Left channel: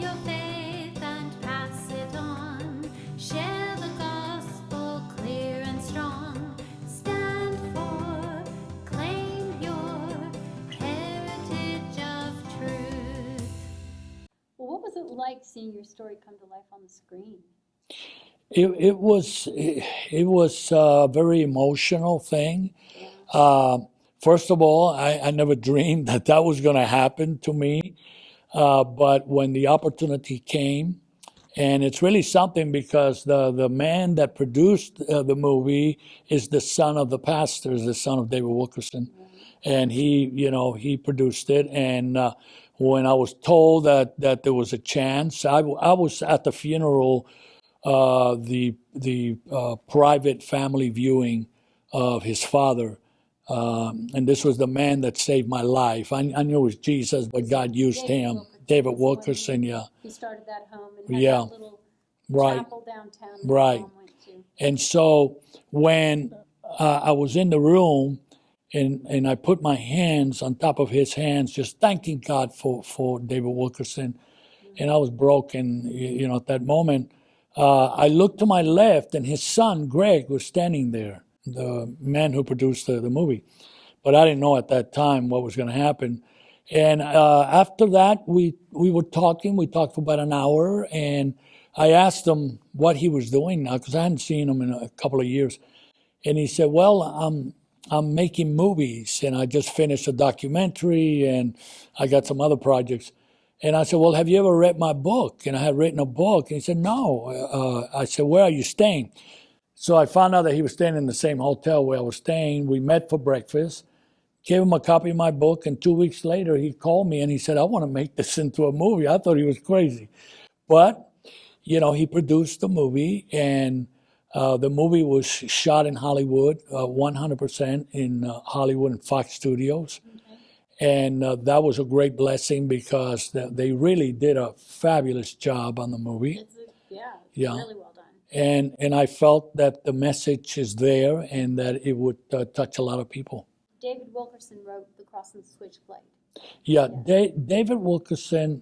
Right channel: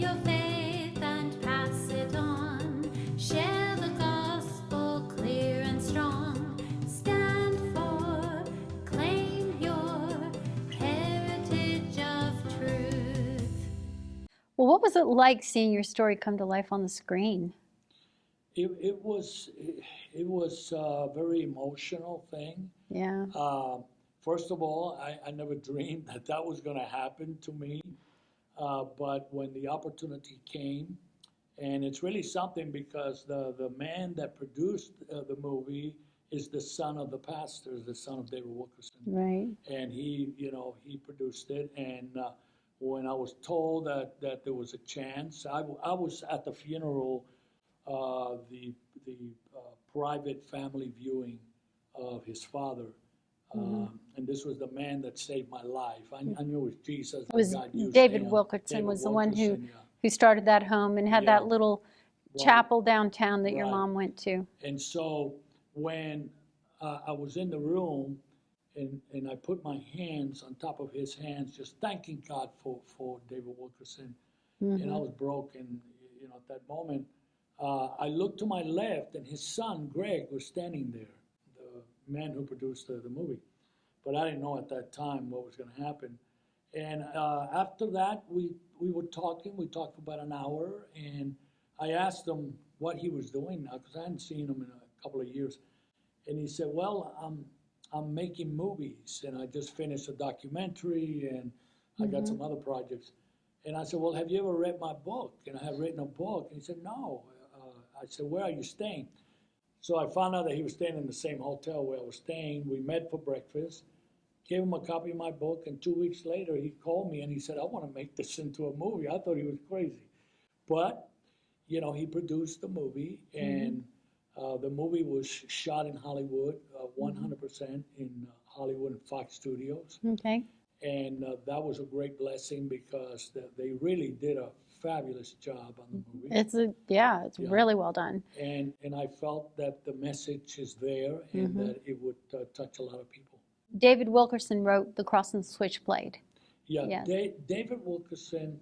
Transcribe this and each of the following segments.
your faith and pass it on. Share the gospel clear and strong. Stand for, claim your heritage of truth. Well, what was it like seeing your story come to life on the screen? It was a very emotional thing. Yeah. First of all, I never dreamed that that was going to happen to me. But when the opportunity came, and it's really something because the man that produced the movie is the son of the pastor, is the son of David Wilkerson. Right. And he produced it. And when I was told that there was a chance, I was at the funeral, the private family viewing of his father. And this was the man that saved my life. I knew it was Jesus, but God used David him. Wilkerson David was the one Wilkerson, who, yeah. who started that home and had Yeah. that little Right. chapel downtown that Right. your mom went to. And so when I was in the room and I put my hands on top of his hands, just thanking God for David Wilkerson, and I was broken, at that moment. I looked to my left, and his son, Greg, was standing there, the man who produced the movie. But I didn't know at that time what was going to happen. And after that, we were talking. We talked for about an hour, and I asked him what he was doing now, because I hadn't seen him in a couple of years. And he said, well, I'm making movies, and I just finished a documentary, and I got some other projects. And I said, well, have you ever read my book? And I had written a book. And he said, no. I said, where are you staying? So I found out that he was staying in the same hotel where I was staying. We met for breakfast, gave him a copy of my book, and 2 weeks later he called me and he said, I want to make this into a movie. I thought he was crazy. But, he produced the movie, and the movie was shot in Hollywood, 100% in Hollywood and Fox Studios. Okay. And that was a great blessing because they really did a fabulous job on the movie. It's really well done. And I felt that the message is there and that it would touch a lot of people. David Wilkerson wrote The Cross and Switchblade. Yeah, Yes. David Wilkerson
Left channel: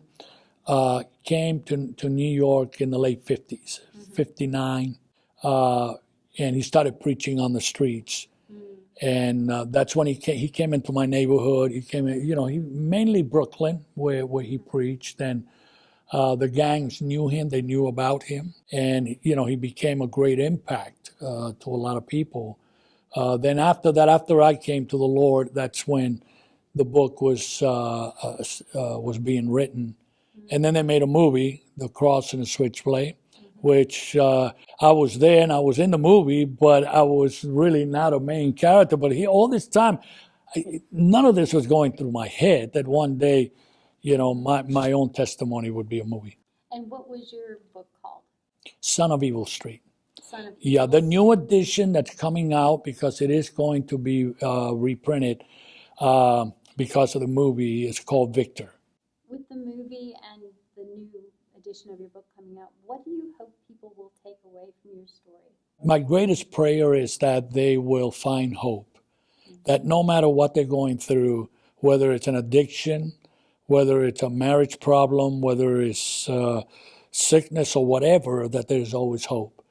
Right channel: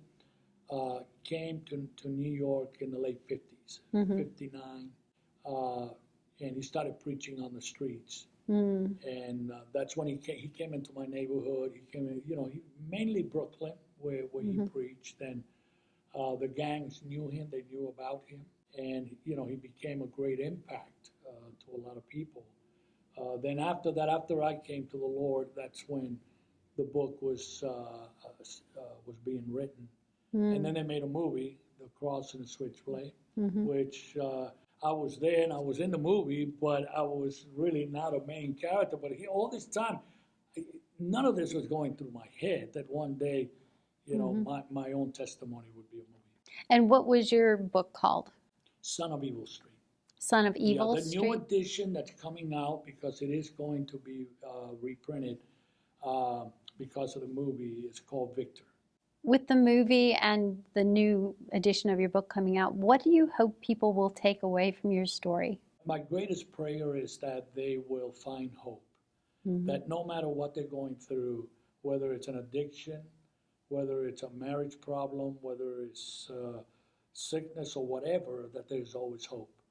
came to New York in the late 50s, 59, and he started preaching on the streets. And that's when he came into my neighborhood. He came in, he mainly Brooklyn, where he preached, and the gangs knew him. They knew about him, and he became a great impact to a lot of people. Then after that, after I came to the Lord, that's when the book was being written, and then they made a movie, The Cross and the Switchblade, which I was there and I was in the movie, but I was really not a main character. But all this time, none of this was going through my head that one day, my own testimony would be a movie. And what was your book called? Son of Evil Street. Son of Evil Yeah, the Street? new edition that's coming out, because it is going to be reprinted because of the movie, is called Victor. With the movie and the new edition of your book coming out, what do you hope people will take away from your story? My greatest prayer is that they will find hope, that no matter what they're going through, whether it's an addiction, whether it's a marriage problem, whether it's sickness or whatever, that there's always hope.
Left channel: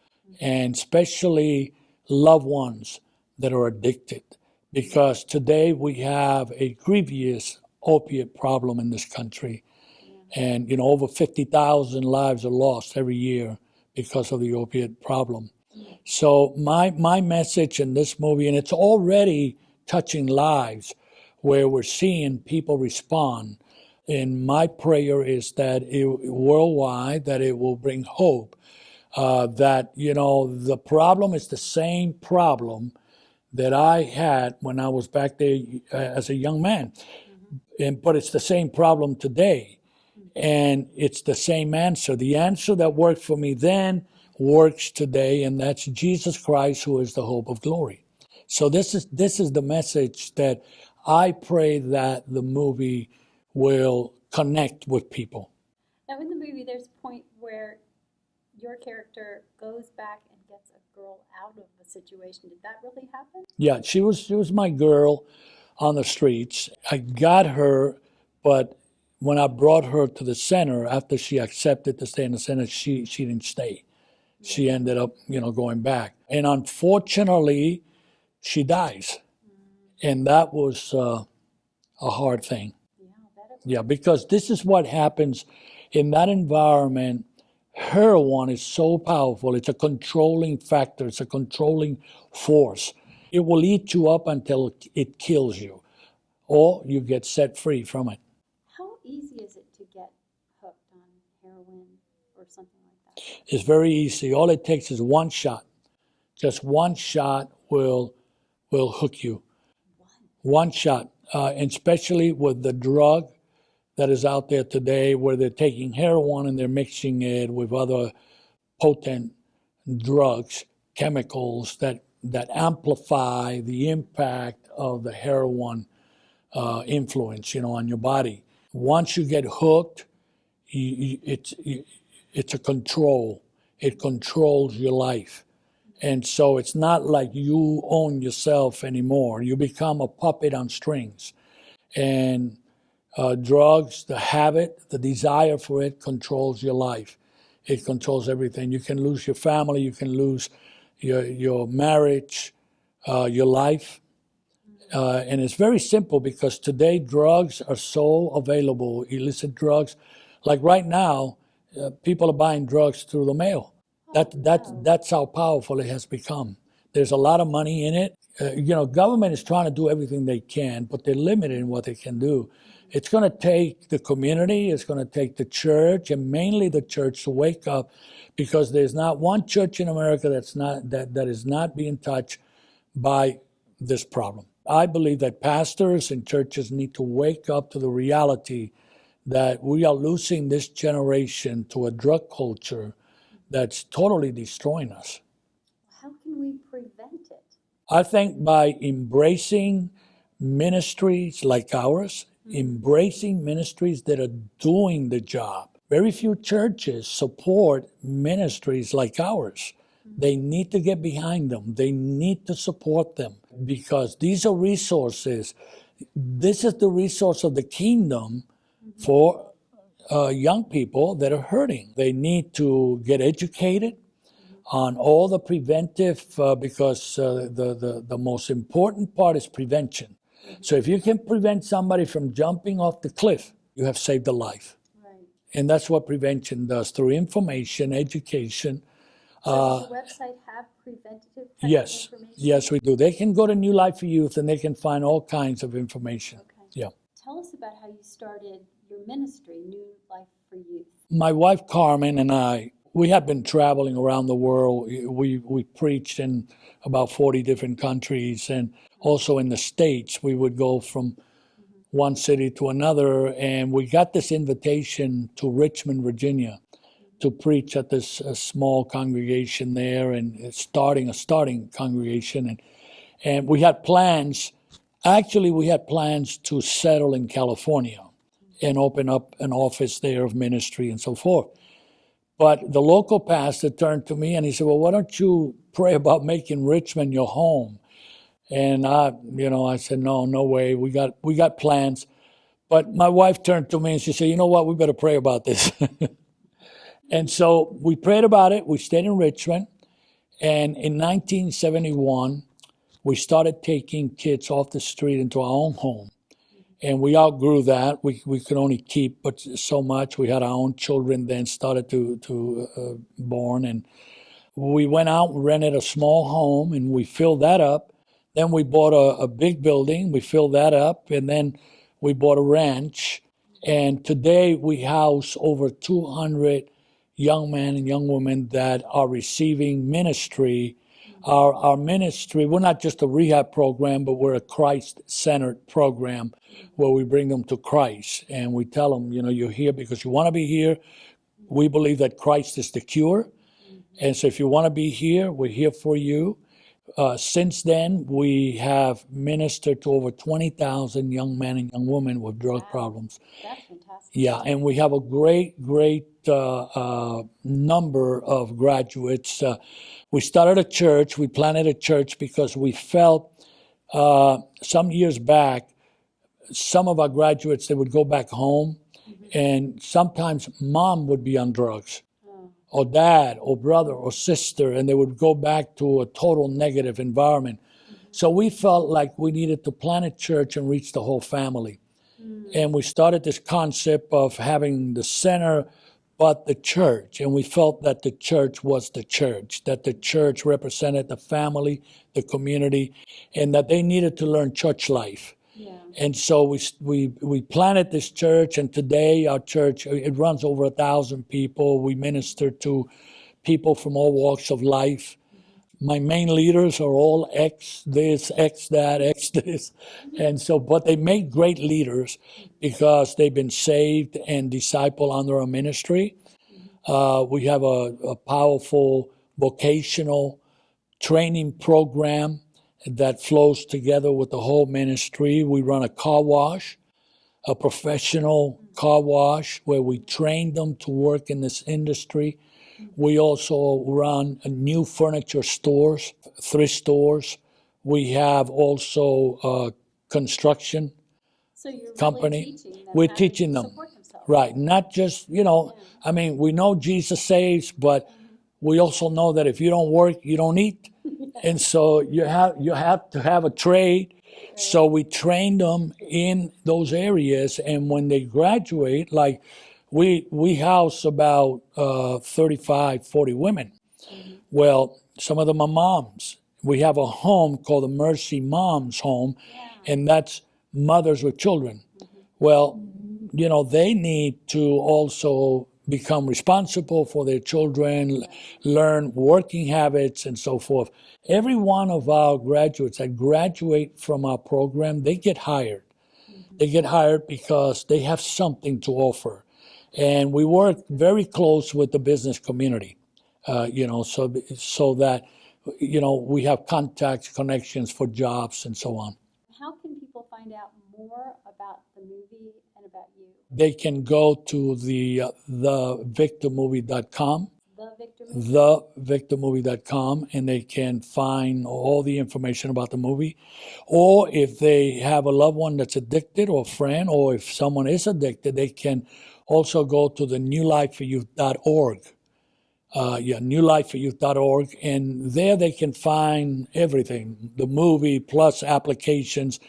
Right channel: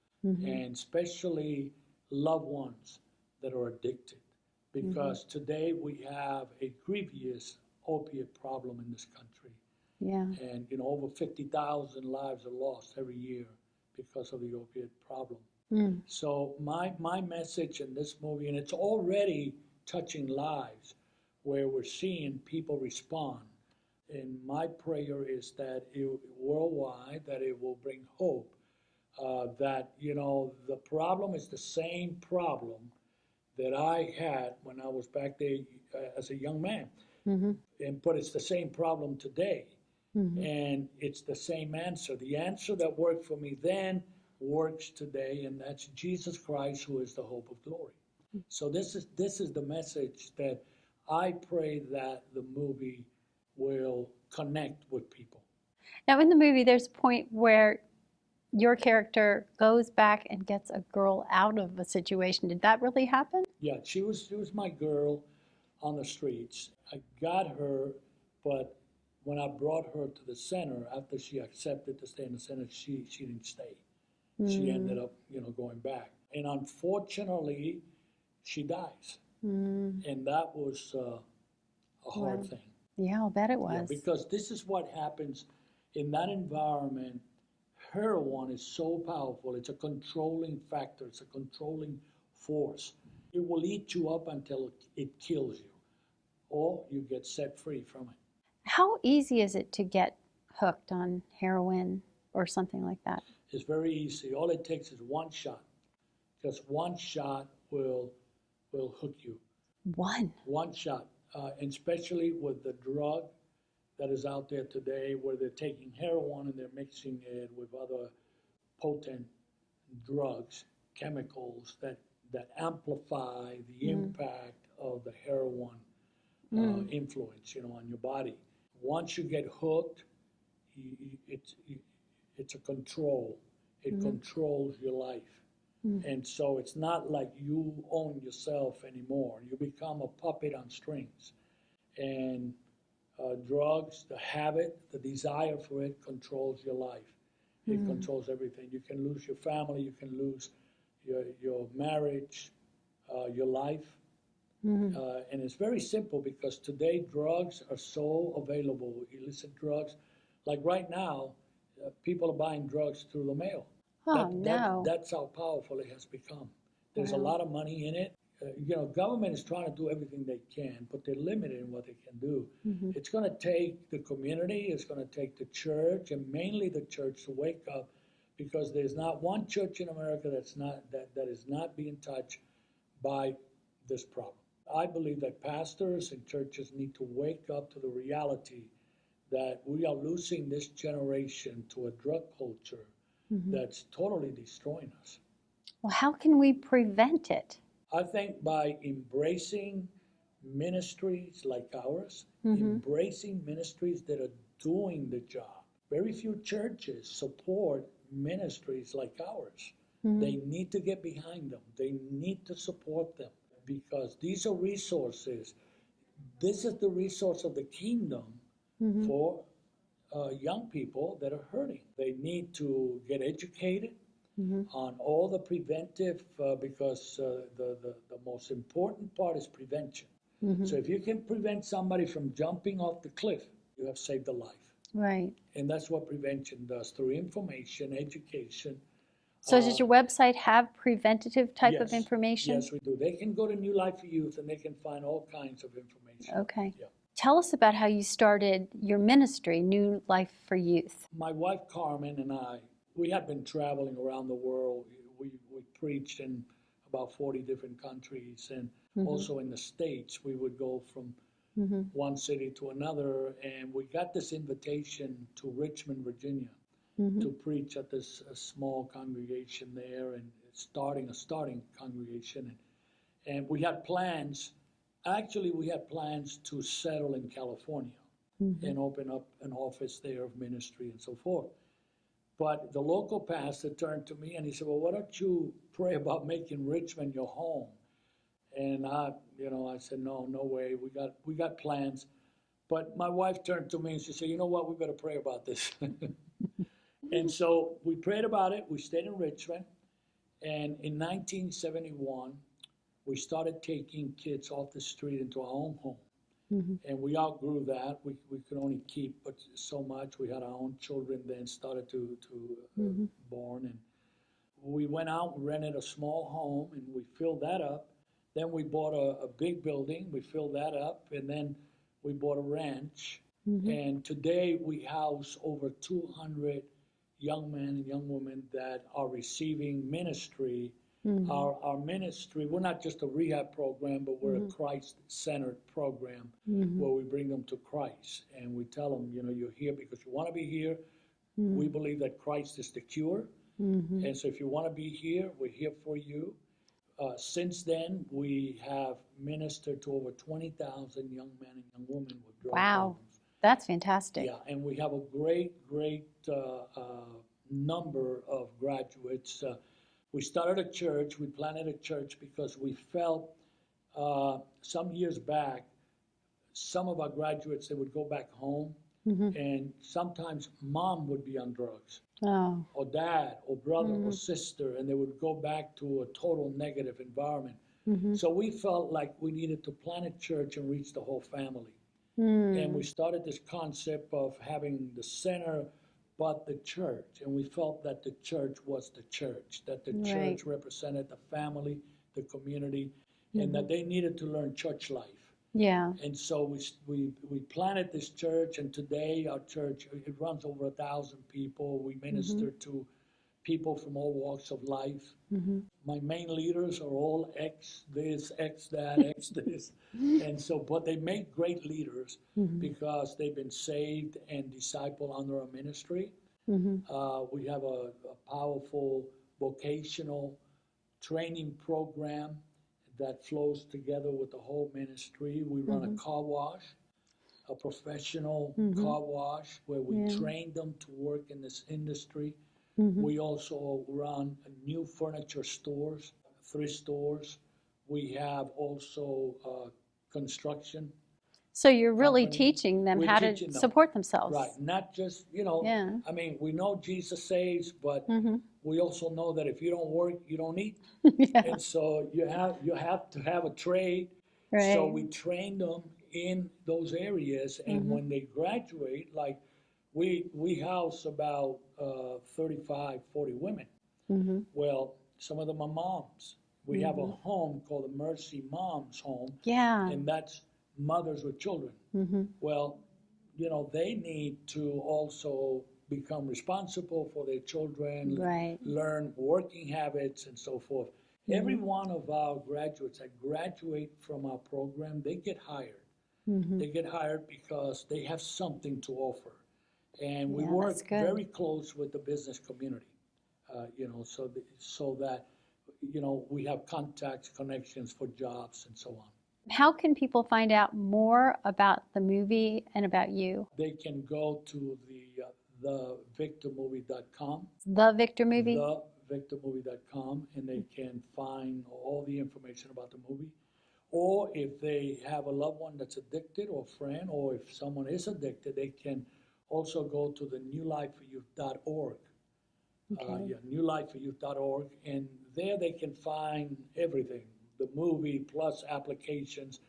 And especially loved ones that are addicted, because today we have a grievous opiate problem in this country. Yeah. And, over 50,000 lives are lost every year because of the opiate problem. So my message in this movie, and it's already touching lives where we're seeing people respond. And my prayer is that worldwide, that it will bring hope, that, the problem is the same problem that I had when I was back there as a young man. But it's the same problem today. And it's the same answer. The answer that worked for me then works today, and that's Jesus Christ, who is the hope of glory. So this is the message that I pray that the movie will connect with people. Now, in the movie, there's a point where your character goes back and gets a girl out of a situation. Did that really happen? Yeah, she was my girl on the streets. I got her, but when I brought her to the center, after she accepted to stay in the center, she didn't stay. She ended up, going back. And unfortunately, she dies. And that was a hard thing. Yeah, I'll bet it was. Yeah, because this is what happens in that environment. Heroin is so powerful. It's a controlling factor. It's a controlling force. It will eat you up until it kills you, or you get set free from it. How easy is it to get hooked on heroin or something like that? It's very easy. All it takes is one shot. Just one shot will hook you. One shot, and especially with the drug that is out there today, where they're taking heroin and they're mixing it with other potent drugs, chemicals that amplify the impact of the heroin influence, on your body. Once you get hooked, it's a control. It controls your life. And so it's not like you own yourself anymore. You become a puppet on strings. And drugs, the habit, the desire for it controls your life. It controls everything. You can lose your family. You can lose your marriage, your life. And it's very simple, because today drugs are so available, illicit drugs. Like right now, people are buying drugs through the mail. That's how powerful it has become. There's a lot of money in it. Government is trying to do everything they can, but they're limited in what they can do. It's going to take the community, it's going to take the church, and mainly the church, to wake up, because there's not one church in America that is not being touched by this problem. I believe that pastors and churches need to wake up to the reality that we are losing this generation to a drug culture that's totally destroying us. Well, how can we prevent it? I think by embracing ministries like ours, embracing ministries that are doing the job. Very few churches support ministries like ours. They need to get behind them. They need to support them, because these are resources. This is the resource of the kingdom for young people that are hurting. They need to get educated on all the preventive, because the most important part is prevention. So if you can prevent somebody from jumping off the cliff, you have saved a life. Right. And that's what prevention does, through information, education. So does your website have preventative type of information? Yes, we do. They can go to New Life for Youth and they can find all kinds of information. Okay. Yeah. Tell us about how you started your ministry, New Life for Youth. My wife Carmen and I, we had been traveling around the world. We preached in about 40 different countries, and also in the States. We would go from one city to another, and we got this invitation to Richmond, Virginia, to preach at this small congregation there, and a starting congregation. And we had plans. Actually, we had plans to settle in California and open up an office there of ministry and so forth. But the local pastor turned to me and he said, well, why don't you pray about making Richmond your home? And I said, no way. We got plans. But my wife turned to me and she said, you know what? We better pray about this. And so we prayed about it. We stayed in Richmond. And in 1971, we started taking kids off the street into our own home. And we outgrew that. We could only keep but so much. We had our own children then started to born. And we went out and rented a small home and we filled that up. Then we bought a big building. We filled that up. And then we bought a ranch. And today we house over 200 young men and young women that are receiving ministry. Our ministry, we're not just a rehab program, but we're a Christ-centered program where we bring them to Christ. And we tell them, you're here because you want to be here. We believe that Christ is the cure. And so if you want to be here, we're here for you. Since then, we have ministered to over 20,000 young men and young women with drug problems. That's fantastic. Yeah, and we have a great number of graduates. We started a church. We planted a church because we felt some years back, some of our graduates, they would go back home And sometimes mom would be on drugs, Oh. or dad, or brother, or sister, and they would go back to a total negative environment. So we felt like we needed to plant a church and reach the whole family. And we started this concept of having the center, but the church. And we felt that the church was the church, that the church represented the family, the community, and that they needed to learn church life. Yeah. And so we planted this church, and today our church, it runs over 1,000 people. We minister to people from all walks of life. My main leaders are all ex this, ex that, ex this. And so, but they make great leaders because they've been saved and discipled under our ministry. We have a powerful vocational training program that flows together with the whole ministry. We run a car wash, a professional car wash, where we train them to work in this industry. We also run new furniture stores, thrift stores. We have also construction. So you're really company. teaching them We're how teaching to them. support themselves. Right, not just, Yeah. I mean, we know Jesus saves, but we also know that if you don't work, you don't eat. And so you have to have a trade. So we train them in those areas, and when they graduate, like we house about 35, 40 women. Well, some of them are moms. We have a home called the Mercy Moms Home, Yeah. and that's mothers with children. Well, they need to also become responsible for their children, Right. learn working habits and so forth. Every one of our graduates that graduate from our program, they get hired. They get hired because they have something to offer. And we work very close with the business community, so that, we have contacts, connections for jobs and so on. How can people find out more about the movie and about you? They can go to thevictormovie.com, The Victor Movie? thevictormovie.com, and they can find all the information about the movie. Or if they have a loved one that's addicted, or a friend, or if someone is addicted, they can also go to the newlifeforyouth.org. newlifeforyouth.org, and there they can find everything, the movie plus applications,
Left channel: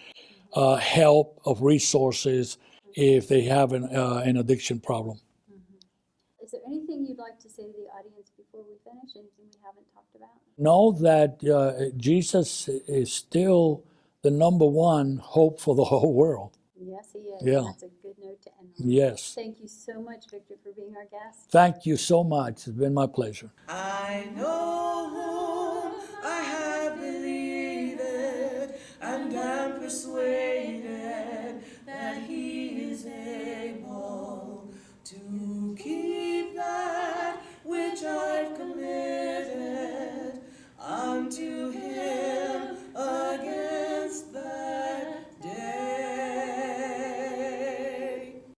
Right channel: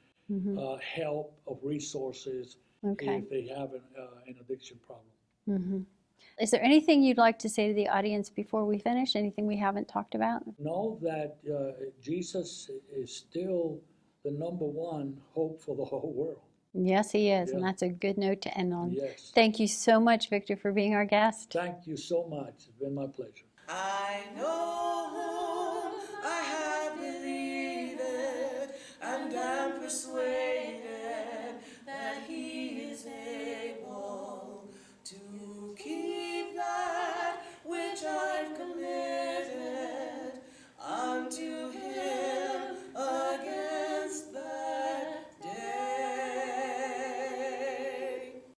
help of resources if they have an addiction problem. Is there anything you'd like to say to the audience before we finish? Anything we haven't talked about? Know that Jesus is still the number one hope for the whole world. Yes, he is, Yeah. and that's a good note to end on. Yes. Thank you so much, Victor, for being our guest. Thank you so much. It's been my pleasure. I know